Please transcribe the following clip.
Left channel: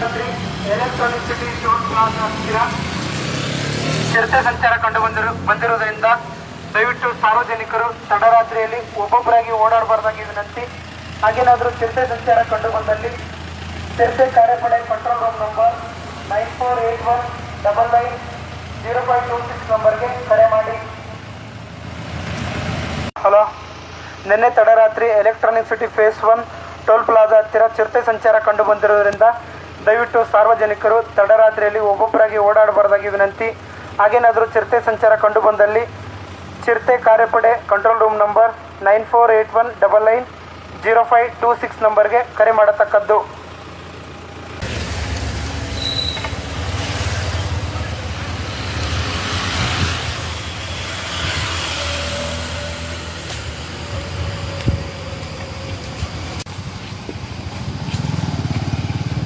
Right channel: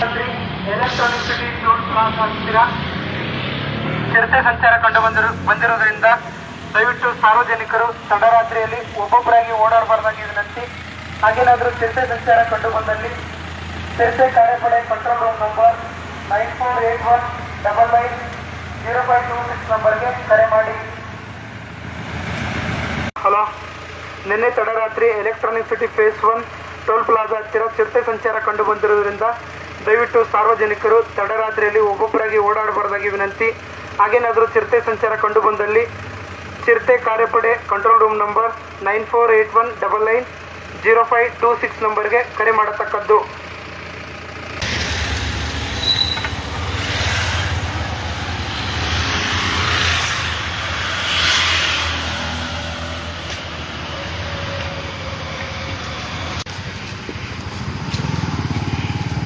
Electronic city toll plaza ಹತ್ತಿರ ಚಿರತೆ ಸಂಚಾರ ಬಂದಿರುವುದರಿಂದ ದಯವಿಟ್ಟು ಸಾರ್ವಜನಿಕರು ತಡರಾತ್ರಿಯಲ್ಲಿ ಒಬ್ಬೊಬ್ಬರಾಗಿ ಓಡಾಡಬಾರ್ದಾಗಿ ವಿನಂತಿ. ಹಾಗೇನಾದರೂ ಚಿರತೆ ಸಂಚಾರ ಕಂಡು ಬಂದಲ್ಲಿ ಚಿರತೆ ಕಾರ್ಯಪಡೆ ಕಂಟ್ರೋಲ್ ರೂಮ್ ನಂಬರ್ 9481990526 ನಂಬರ್ಗೆ ಕರೆ ಮಾಡಿ. ಹಲೋ, ನಿನ್ನೆ ತಡರಾತ್ರಿ electronic city face 1 toll plaza ಹತ್ತಿರ ಚಿರತೆ ಸಂಚಾರ ಕಂಡು ಬಂದಿರುವುದರಿಂದ ದಯವಿಟ್ಟು ಸಾರ್ವಜನಿಕರು ತಡರಾತ್ರಿಯಲ್ಲಿ ಒಬ್ಬೊಬ್ಬರಾಗಿ ಓಡಾಡಬಾರ್ದಾಗಿ ವಿನಂತಿ. ಹಾಗೇನಾದರೂ ಚಿರತೆ ಸಂಚಾರ ಕಂಡು ಬಂದಲ್ಲಿ ಚಿರತೆ ಕಾರ್ಯಪಡೆ ಕಂಟ್ರೋಲ್ ರೂಮ್ ನಂಬರ್ 9481990526 ನಂಬರ್ಗೆ ಕರೆ ಮಾಡತಕ್ಕದ್ದು.